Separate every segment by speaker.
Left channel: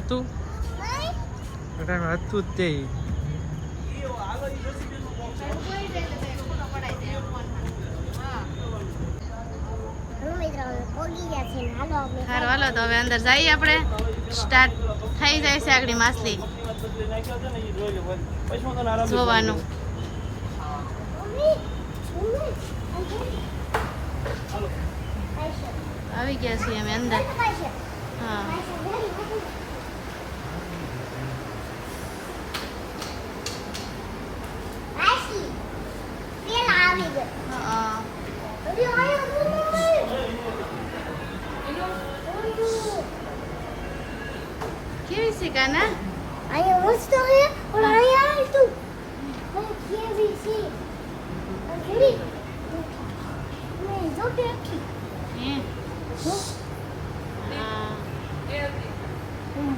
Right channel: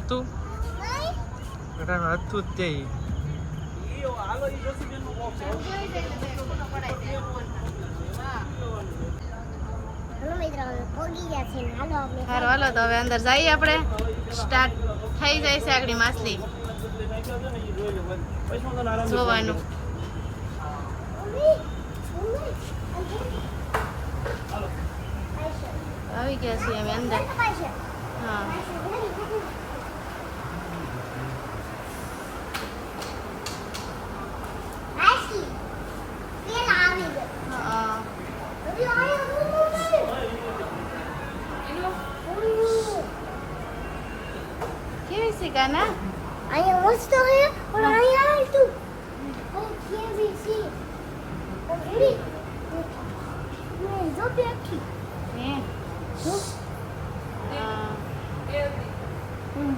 Speaker 1: નહોતું અટાણે હતું જ તે.
Speaker 2: હાલો
Speaker 3: તો હવે અંદર જઈએ આપણે. સ્ટાર્ટ થઈ જાય છે આગળ માસલી જોવાનું. આવી ગયા છીએ અમે અંદર. હા
Speaker 2: પૈસા ઘણી ઘણી. આશી. પેલા આવી ગયો.
Speaker 3: હા.
Speaker 2: અરે આયો મમ્મી. મમ્મી.
Speaker 3: કેવી છે કાના
Speaker 2: અહીંયા મસ્ત હે પણ અહીંયા આય તું છે અંજલિ. મેં જો બેઠી.
Speaker 3: હે. હા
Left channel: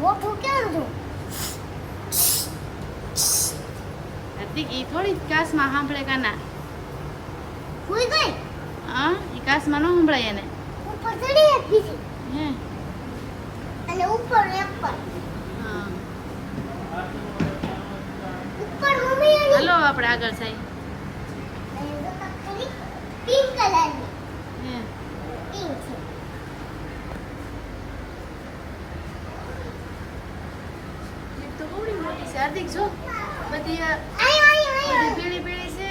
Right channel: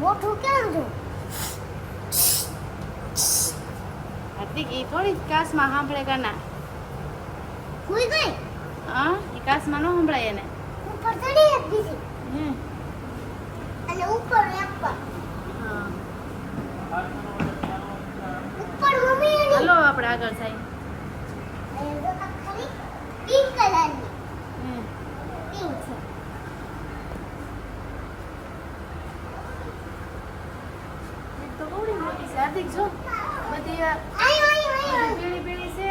Speaker 2: મોટો ક્યાં છું
Speaker 3: હાર્દિક એ થોડી કાસમાં સાંભળે કાના
Speaker 2: ભૂઈ ગઈ
Speaker 3: હા એ કાસમાં ન સંભળાય એને
Speaker 2: ઉપર ચડી એક બીજી
Speaker 3: હે
Speaker 2: અને ઉપર એક પર
Speaker 3: હા
Speaker 2: ઉપર મમ્મી અને
Speaker 3: હાલો આપણે આગળ બહુડી મોટી હાર્દિક, જો. બધી પીળી છે.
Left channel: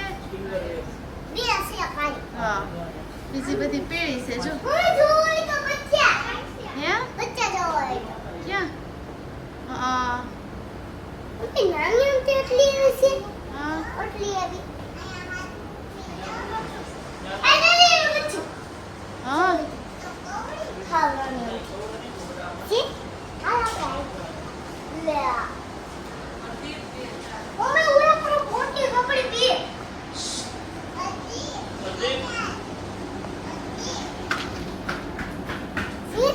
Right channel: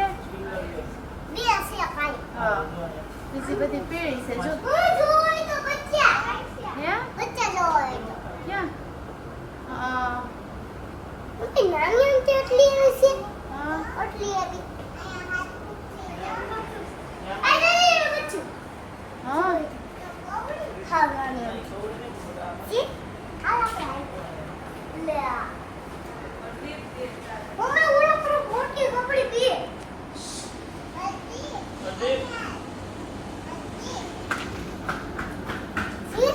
Speaker 3: હા. બીજી બધી પીળી છે, જો. ક્યાં? હા.
Speaker 2: નાની અમથી એટલી છે.
Speaker 3: હા
Speaker 2: એટલી એવી અરે બચ્ચું
Speaker 3: હા
Speaker 2: ખાવાની અમથી જી ખાવા કે લે આ. મમ્મી ઓલા પર મોટી પકડી પીએ જી?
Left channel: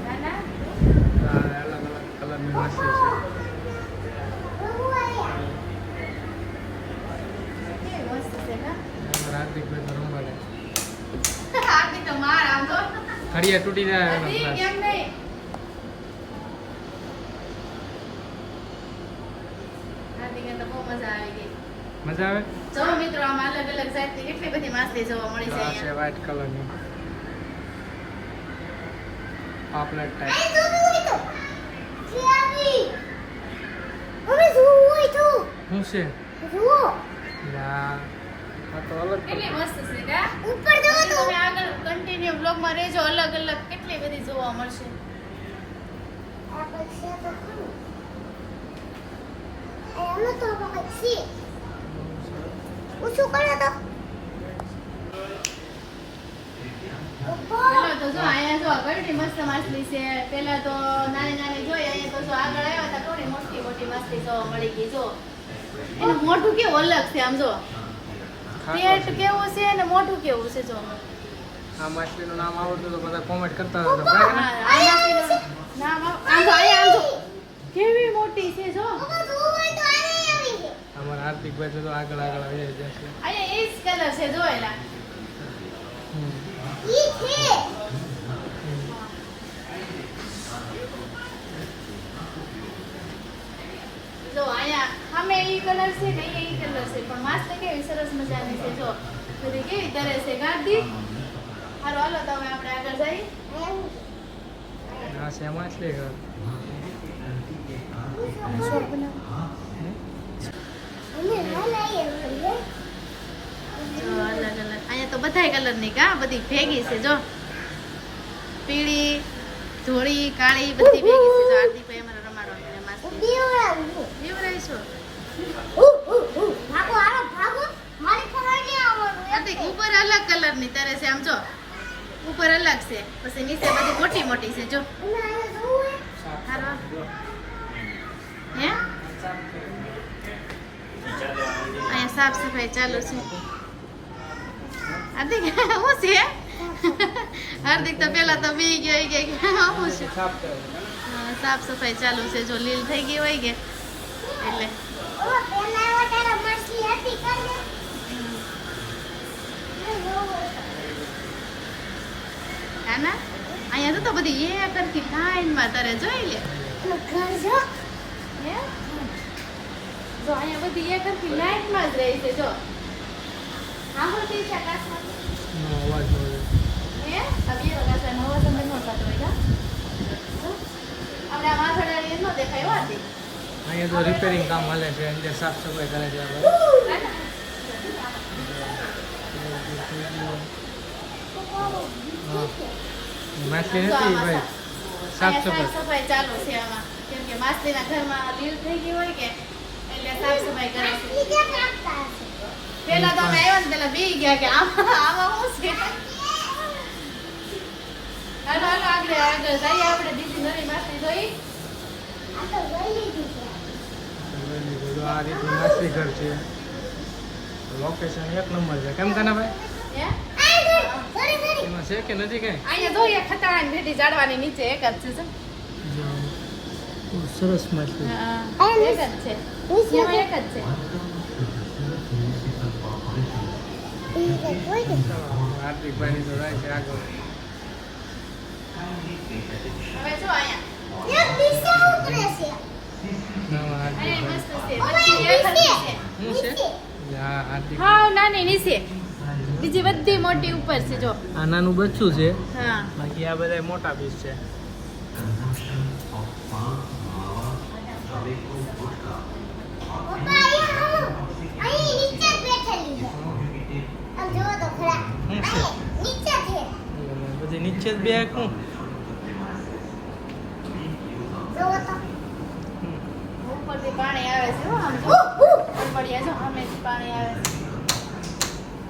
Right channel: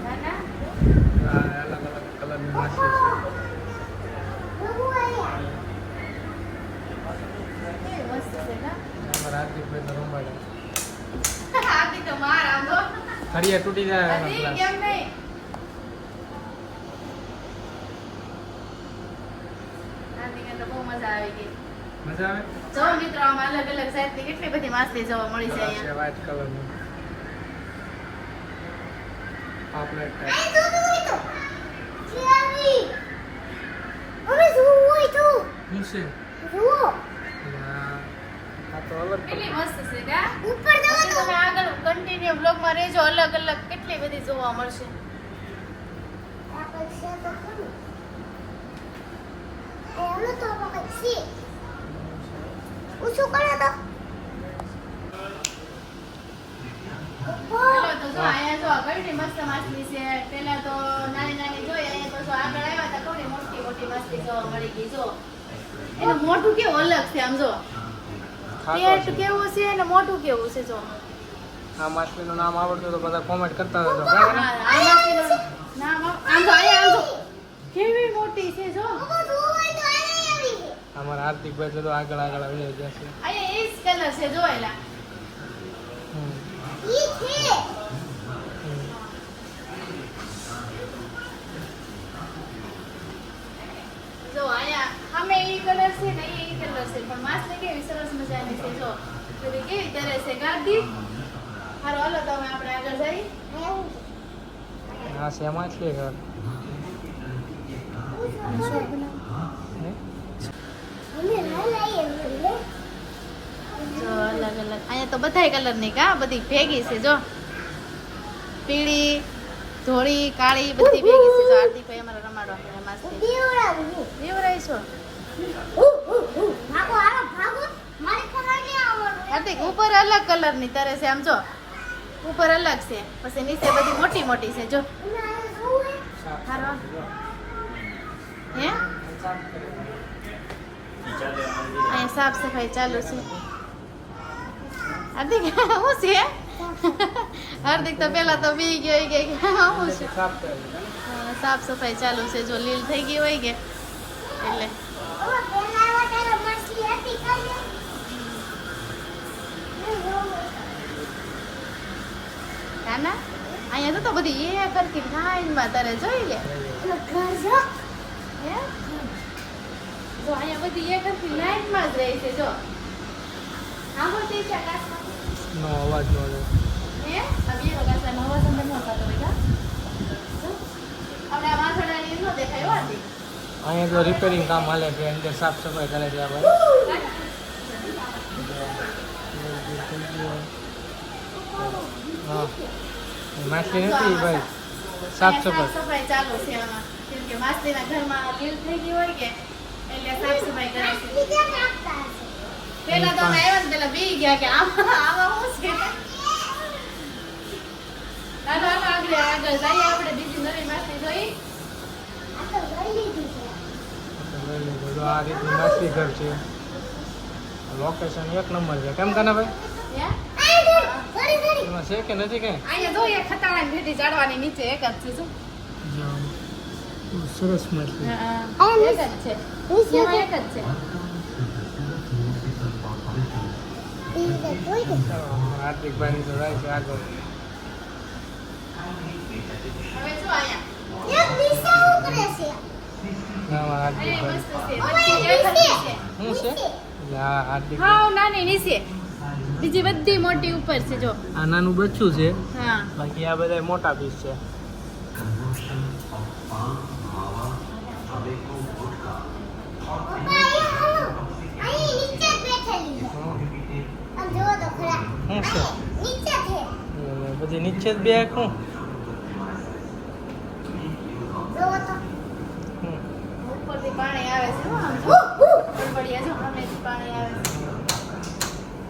Speaker 3: કાના
Speaker 1: આ અલગ અલગ કલરની માછલી છે
Speaker 2: હું આયા.
Speaker 3: કેવી મસ્ત છે કા
Speaker 1: અમારા હાર્દિકભાઈ તો રમવા જાય
Speaker 3: હાર્દિક તો માર આમ તો
Speaker 1: હરિયા તૂટી જાય
Speaker 3: મજા આવી ગઈ.
Speaker 1: મજા આવે?
Speaker 3: જો મિત્રો આમાં અલગ અલગ જાતની કેટલી બધી માછલી જોવા મળી છે અહીંયા.
Speaker 1: કલર કલરની પાપલેટ ટાઈપ?
Speaker 2: શું
Speaker 1: છે?
Speaker 2: જુઓ.
Speaker 1: આ તો અલગ
Speaker 3: કેટલી મસ્ત છે કા?
Speaker 2: ઉપર
Speaker 3: જો
Speaker 2: તો.
Speaker 3: તમે આગળ કન્ટિન્યુ બ્લોગમાં રહેજો અલગ અલગ કેટલી બધી જોવા મળશે.
Speaker 2: આ પૈસા તો કોણ એનો તો વખત છે. કરે તો.
Speaker 3: પેલા મસ્ત નાની નાની જોઈ અહીંયા તો જો આગળ આવ્યા હતા થોડી મોટી મોટી માછલી જોવા મળી ગઈ જો. એનું મોટું કેવું અલગ છે આમ જો. પેટ કેવું છે અને મોઢું કેવું છે જો?
Speaker 1: આ માછલીનું નામ આવડતું તો બધા કોમેન્ટ કરતા
Speaker 3: હતા
Speaker 1: બરાબર?
Speaker 3: નામ આમ જો અહીંયા કેવી મોટી છે જો?
Speaker 2: અમાર આર્થિક ભાઈ તો
Speaker 1: આગળ આગળ આવી જાય છે.
Speaker 3: અહીંયા એ જ કલર છે જોયેલા
Speaker 2: ઈ છે.
Speaker 3: જો અહીંયા સામે એ કલર છે ને એ કલર છે. પણ માછલી કેવી સરસ મજાની છે જો. બધી કેવી તરે છે ગાદી હારો હાલો તમે આપણે આગળ
Speaker 2: જઈ. છે
Speaker 1: ઘર?
Speaker 3: અલગ અલગ. અહીંયા તો બધાય કલરની કા બધી ભેગી છે જો. પીળી ધોળી કાળી બધી ભેગી છે હાર્દિકભાઈ અમારા
Speaker 2: ઉ, ઉ, ઉ. ભાગો ભાગો. મારી ખબર નહીં
Speaker 3: ઉપર અલગ કલરની તરે છે આમ જો. ઉપર અલગ છે પછી નીચે બધી મોટી મોટી છે જો.
Speaker 2: હે?
Speaker 3: હારો. હે? અહીંયા સાફ સફાઈ ચાલુ છે. હાર્દિક હું છે? હાર્દિક તો પેલા તો બી ગયો ગયા કે શું છે
Speaker 1: સાફ
Speaker 3: સફાઈ ચાલુ છે. જો લીલ થઈ ગઈ હોય કે એટલે. કાના અહીંયા તો તો બધી એ કરતી લાઈનમાં તારે જોઈ લે.
Speaker 2: જો
Speaker 3: અહીંયા બધી એ કરતી લાઈનમાં જ રહી છે જો. સાંભળતી છે
Speaker 1: નો અવાજ નો
Speaker 3: હે? આ વગર નવો સંબંધ નો થતો હોય
Speaker 1: અહીંયા તો રિપેરિંગ કામ હાલે છે અંદર સાફ સફાઈ કરે છે આપણે હા. માછલી નથી ભાઈ? સાફ સફાઈ.
Speaker 3: સફાઈ ચાલુ છે આમાં. કેમ કે માછલીના ઘરમાં લીલ થઈ ગઈ હોય કે એટલે સાફ સફાઈ કરે છે. પેલા તો અમે આવ્યા ને પેલા બી ગયા કે આમાં આમાં શું છે? હાલો હાલો આગળ આગળ જઈએ
Speaker 2: આ
Speaker 1: રીતનું માછલી ઘર છે લોકેશન એક નંબર છે કેમ કાના ભાઈ એમાં કે નથી કઈ
Speaker 3: અહીંયા જોઈએ ખટાણાની ભેટી જાડવાની નીચે એક જ છે એક જ છે એક જ
Speaker 2: તો
Speaker 1: જાય આગળ.
Speaker 3: હવે જો અહીંયા
Speaker 2: એક દિશા ઉતરે છે
Speaker 3: મસ્ત છે છે નીચે બીજી બધી મોટી ઉપર છે જો
Speaker 1: આ નાનું બચ્ચું છે.
Speaker 3: હા.
Speaker 1: બાકી આ બધા મોટા પીસ છે.
Speaker 2: પપ્પા અહીંયા અહીં નીચે જ બેઠેલી છે આમ જોવો તો ખરા.
Speaker 1: શું છે?
Speaker 2: અહીં નીચે છે.
Speaker 1: એટલે પછી નીચે જ બે શું
Speaker 2: જોવો તો.
Speaker 3: ઉપરથી પાણી આવે છે આમ. પડ્યા જો સામેથી પાણી આવે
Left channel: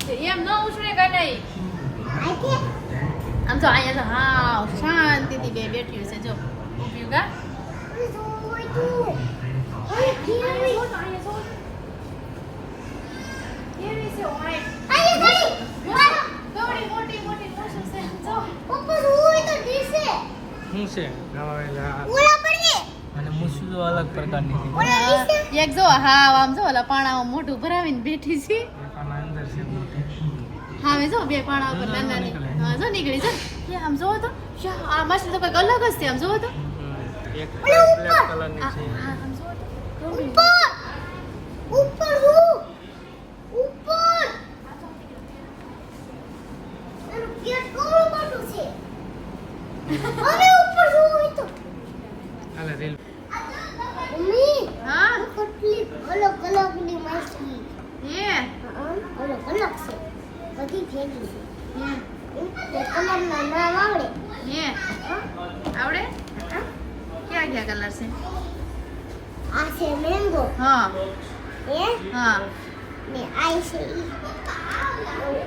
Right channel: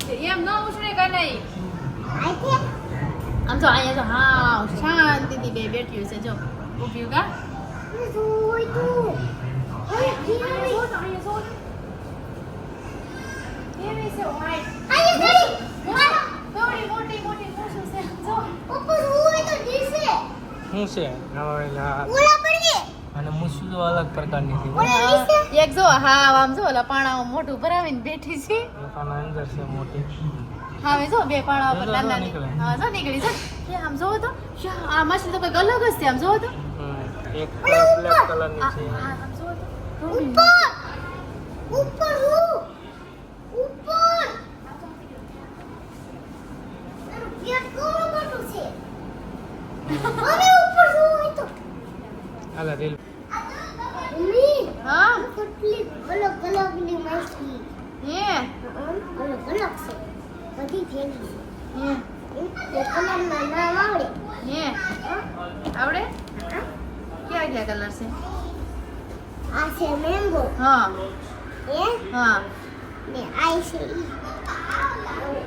Speaker 3: છે. એમ ન ઉછળે કે નહીં. આમ તો અહીંયા જો હા શાંતિથી બે બેઠ્યું છે જો. ઊભ્યું કા?
Speaker 2: તું. તો
Speaker 1: શું છે?
Speaker 2: પડીએ
Speaker 1: અને મૂછું અલગ પ્રકારની છે?
Speaker 2: ઓલા
Speaker 3: એક જો હા આમ જો ઓલા પાણામાં મોટું ભરાવીને બેઠી છે.
Speaker 1: પાણા અંદર છે મોટી.
Speaker 3: હા મેં જો બે પાણા પર
Speaker 1: જો, જો,
Speaker 3: નાના હા જો નીકળી છે. એ આમ જો તો શ્યા, આ માછલી તો કંઈક અલગ જ છે આમ જોવો તો.
Speaker 1: એક. બ્લેક કલરની છે.
Speaker 2: ઉપર! ઉપર હું? ઉપર! પેટ કેવડું મોટું છે? હવે ઉપર જોઈ તો?
Speaker 1: હાલે રીલ
Speaker 2: મમ્મી
Speaker 3: હા
Speaker 2: કેટલી અલગ અલગની માછલી
Speaker 3: એ
Speaker 2: અલગ અલગ છે બધી ભેગી
Speaker 3: એ
Speaker 2: છે તે કલરના નામ આવડે
Speaker 3: એ આવડે ક્યાં ક્યાં કલર છે
Speaker 2: આ છે મેંગો
Speaker 3: હા
Speaker 2: એ
Speaker 3: હા
Speaker 2: ને આ છે ઈ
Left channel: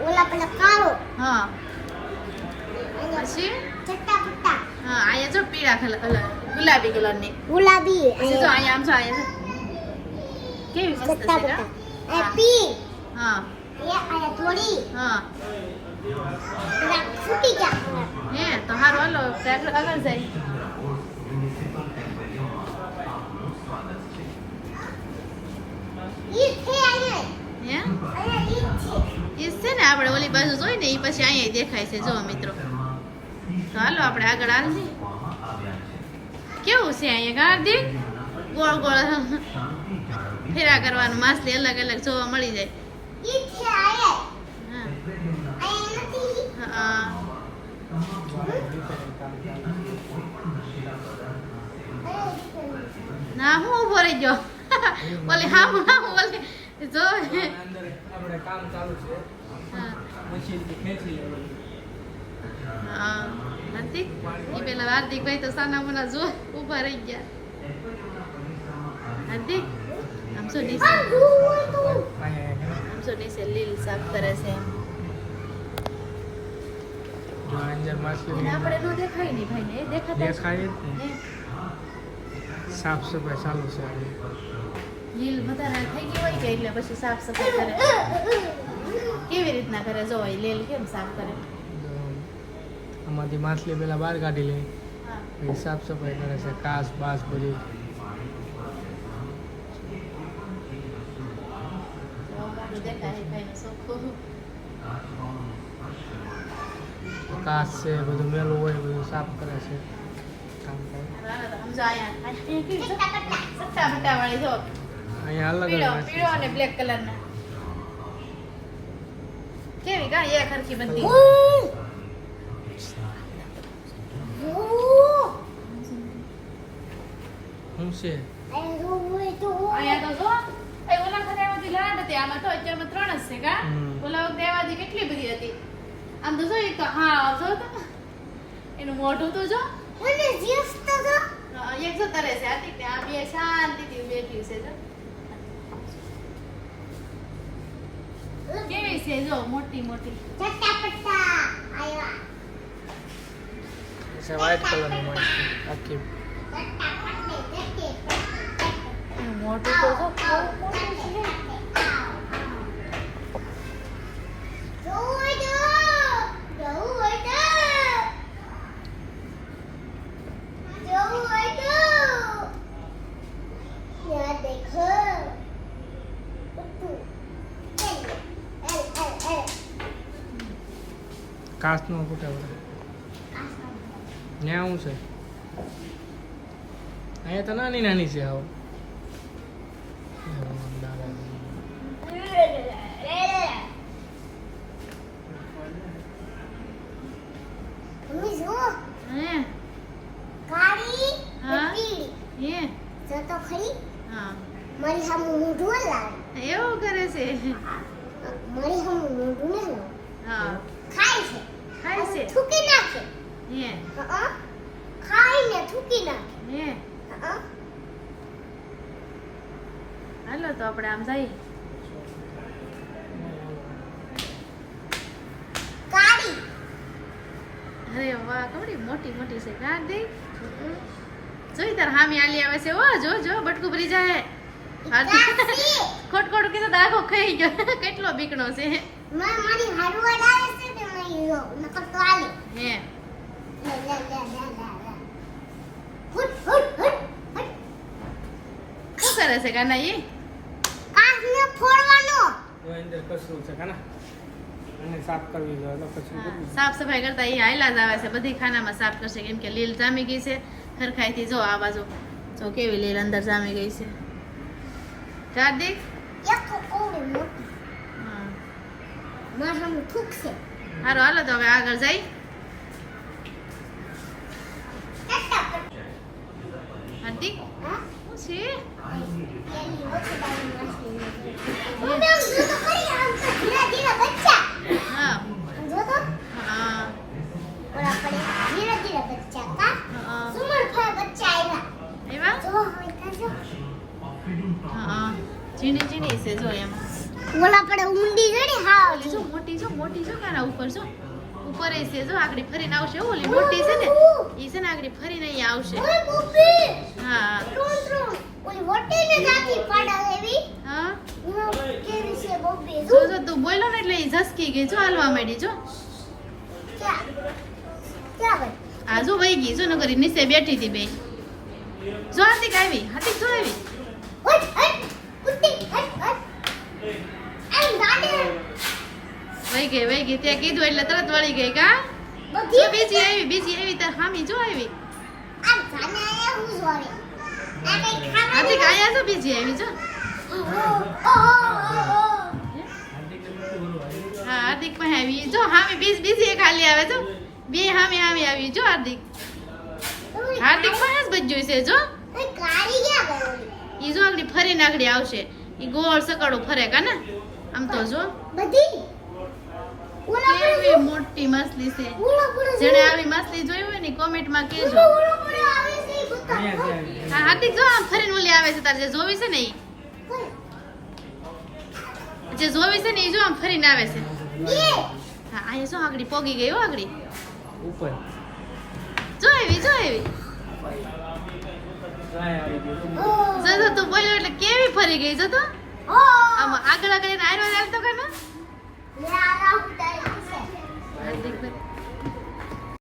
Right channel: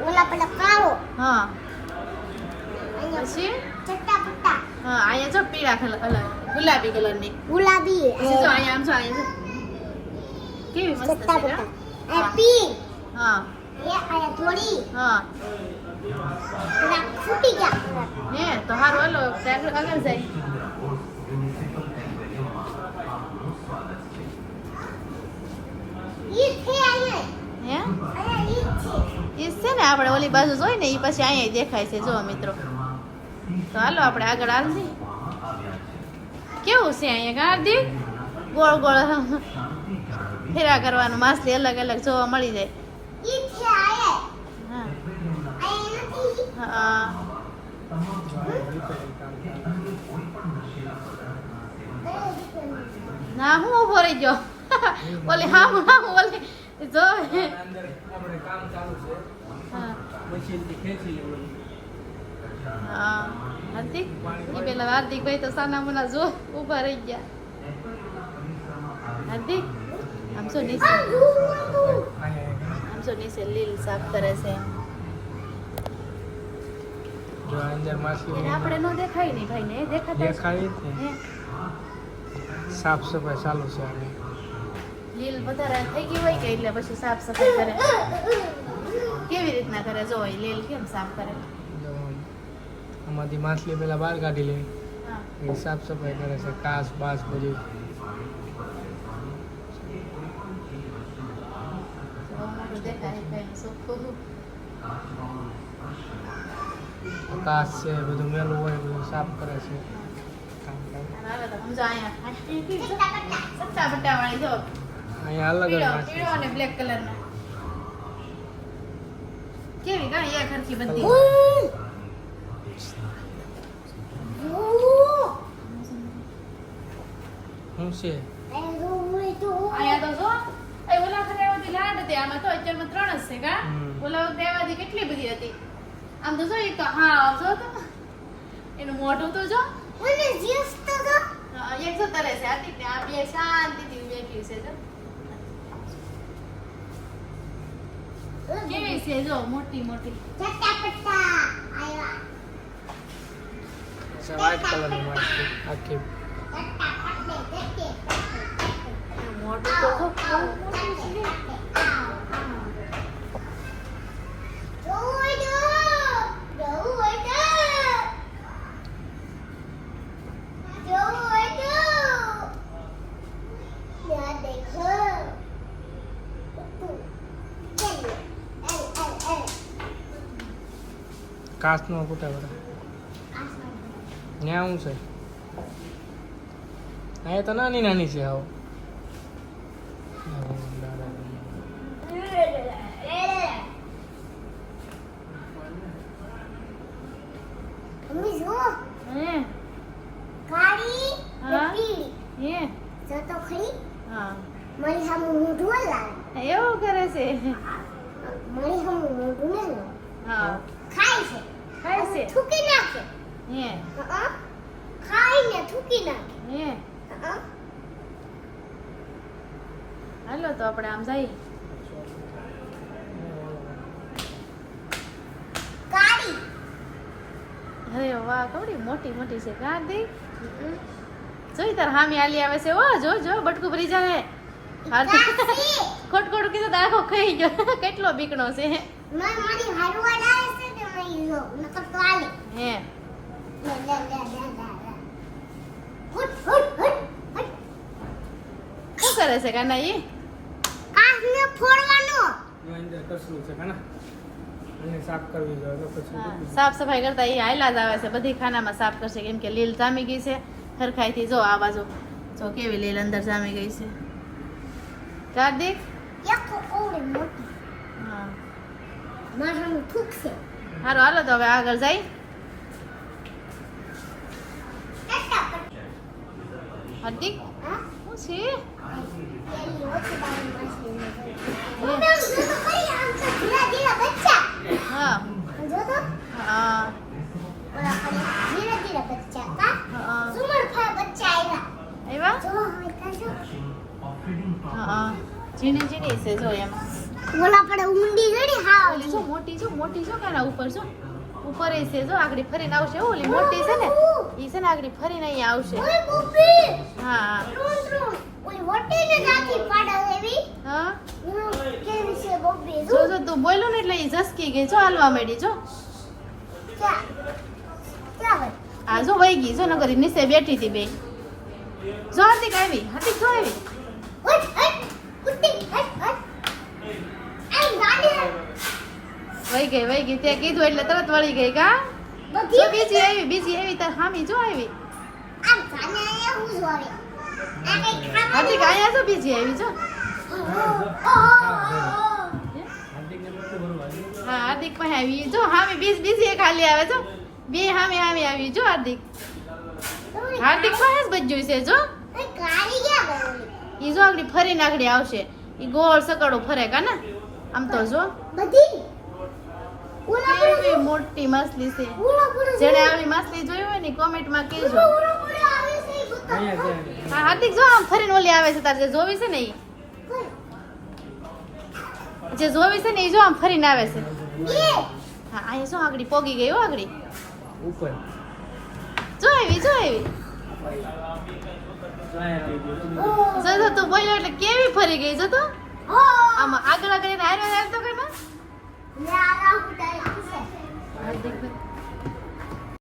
Speaker 2: ઓલા પેલા કાળો
Speaker 3: હા
Speaker 2: અહીંયા
Speaker 3: પછી
Speaker 2: ચટ્ટા પટ્ટા
Speaker 3: હા અહીંયા જો પીળા કલર ગુલાબી ગુલાબી કલરની.
Speaker 2: ગુલાબી.
Speaker 3: પછી જો અહીંયા આમ છો અહીંયા કેવી મસ્ત છે
Speaker 2: આ પી.
Speaker 3: હા.
Speaker 2: એ આયા થોડી.
Speaker 3: હા.
Speaker 2: ફૂટી ગયા.
Speaker 3: હે તો હારો હાલો આગળ આગળ જાય. ને આપણે ઓલી બાજુ જોઈ ને એ પછી અહીંયા દેખાય છે જો મિત્રો. તો હાલો આપણે આગળ હાલજી કેવું છે અહીંયા હાર્દિક ગોળ ગોળ ફેરા કરવાનું માછલી અલગ અલગ જોવા મળી જાય.
Speaker 2: ઈ છે આયા
Speaker 3: હા. હા. ના હું ઊભો રહી ગયો. ઓલી હા હામ ઓલી જો.
Speaker 1: આપણે કામ ચાલુ છે.
Speaker 3: હા.
Speaker 1: મશીનથી ખેંચી લેવાનું.
Speaker 3: હા. હાર્દિક? એ પેલા હાર્દિકભાઈ તો સાના મુના જો ઊભા રહી ગયા. હાર્દિક? આમ નીચે? આમ નીચે લીલ સાફ કરે છે
Speaker 1: જો આ અંદર માછલી
Speaker 3: એને આપણે નો દેખાય નહીં ભાઈ ને દેખાય
Speaker 1: દેખાય જ સાફ સફાઈ ચાલુ છે
Speaker 3: લીલ વધારે થઈ ગઈ હોય કે એટલે પછી સાફ સફાઈ કરે? કેવી રીતના કરે? જો લીલ કેમ સાફ કરે?
Speaker 1: આમાંથી માછલી પેલા બહાર કાઢી લે. એ સાફ સફાઈ કરે છે કાસ બાસ બધું. કાચ છે બધું મેલું હોય બધું સાફ કરે છે.
Speaker 3: અહીંયા
Speaker 1: અલગ
Speaker 3: અને બ્લેક કલર ના. કેવી કાં એક હરખી બધી.
Speaker 1: શું છે?
Speaker 3: અહીંયા તો જો એ ઓલા વખતે આવતી લાડ હતી આમાં તો અત્યારમાં ત્રણ જ છે કા. ઓલા વખતે કેટલી બધી હતી? આમ તો જો એક તો હા આવજો તો એનું મોઢું તો જો. હા, એક જો તરે છે આર્ટિક ને આ બે શાંતિથી બેઠી છે જો. કેવી છે જો મોટી મોટી?
Speaker 1: વ્હાઈટ કલરની વાંચે આખી.
Speaker 3: એનું મોઢું તો જો
Speaker 1: કાચનો ફૂટા બધા ત્યાં શું છે. અહીંયા તો નાની નાની છે આવો.
Speaker 3: એવું કરે છે
Speaker 2: મારી સામે મોઢું ને
Speaker 3: હા.
Speaker 2: ખાય છે
Speaker 3: ખાય છે?
Speaker 2: થૂકી નાખે.
Speaker 3: હે.
Speaker 2: ખાઈને થૂકી નાખે.
Speaker 3: હે. હાલો તો આપણે આમ જઈએ.
Speaker 2: કાળી
Speaker 3: અરે વાહ કવડી મોટી મોટી છે ગાંધી જોઈ તાર હામી આલી આવે છે. ઓ જો જો બટકું ભરી જાય. ખોટ ખોટ કીધું આખો ખાઈ ગયો. કેટલો બીકણો છે?
Speaker 2: મારી હારું આવે છે? ને મેં યો નકર તો આલે
Speaker 3: હે
Speaker 2: લે લે લે લે લે લે હુટ હુટ હુટ હુટ
Speaker 3: શું કરે છે કાના એ
Speaker 2: કાચને ફોડવાનો
Speaker 1: અંદર કચરું છે કાના એને સાફ કરવી જોઈએ એટલે પછી
Speaker 3: હા,
Speaker 1: બીજું.
Speaker 3: સાફ સફાઈ કરતા એ હાયલા જ આવે છે બધી ખાનામાં સાફ કરશે કેમ કે લીલ જામી ગઈ છે હરખાઈથી જો આ બાજુ જો કેવી લીલ અંદર જામી ગઈ છે કાર્તિક
Speaker 2: એક તો ઓવડી મોટી
Speaker 3: હા
Speaker 2: મારાનું થૂક છે
Speaker 3: સારું હાલો તો હવે આગળ જાય હાર્દિક
Speaker 2: હા.
Speaker 3: હા. ઝીણી ઝીણી છે
Speaker 2: ઊંડી
Speaker 3: ઓલી જો મોટી જો મોટી જો કાના ઉપર જો. ઉપર એ છે જો આગળ ફરીને આવશે. ઓલી મોટી છે ને ઈ છે ને આગળ ફરીને અહીંયા આવશે. હા.
Speaker 2: ઓલી મોટી ને જાતી પાડા લેવી?
Speaker 3: હા?
Speaker 2: કેવી છે બોબી
Speaker 3: જો
Speaker 2: જો
Speaker 3: તું બોલ્યો ને એટલે ઈ ઝસકી ગઈ. જો હાલવા માંડી જો. આ જો વહી ગઈ જો નગરી નીચે બેઠી હતી બે. જો હાર્દિક આવી. હાર્દિક જો આવી. વહી ગઈ વહી ગઈ. તે કીધું એટલે તરત વળી ગઈ કા? જો
Speaker 2: બધી
Speaker 3: બીજી આવી બીજી આવી તાર હામી જો આવી.
Speaker 2: આમ ગાને આયા હું જોવે આ કઈ
Speaker 3: હાર્દિક
Speaker 2: અહીંયા
Speaker 3: આયા જો બીજી આવી જો. હા હાર્દિક પાસે આવી. જો હામી બીજ બીજી એક હાલી આવે જો. બે હામી હામી આવી જો હાર્દિક. હાર્દિક પાસે જ બચ્યું છે જો. ઈ જો આગળ ફરીને આગળ આવશે. ઈ ગોળ સકડો ફરે કા ને? આમ તો જો.
Speaker 2: બધી?
Speaker 3: કેવી મોટી માછલી છે.
Speaker 2: જેને
Speaker 3: જેણે આવી માછલી જોઈ હોય ને કહેજો.
Speaker 2: એ
Speaker 1: અહીંયા છે અહીંયા.
Speaker 3: હા હાર્દિક જો આમ ફરીને ઓલી આવે છે તારે જે જોવી છે ને ઈ. જે જોવી છે ને ઈ જો આમ ફરીને આવે છે. હા અહીંયા શું આગળ પોગી ગઈ હો આગળ?
Speaker 1: ઉપર.
Speaker 3: જો આવી જો.
Speaker 2: ઓ.
Speaker 3: જો જો તું બોલ્યો એટલે કેવી ફરી ગઈ જો તો? આમાં આગળ આગળ આગળ હારવા હાલતો કે ના
Speaker 2: મે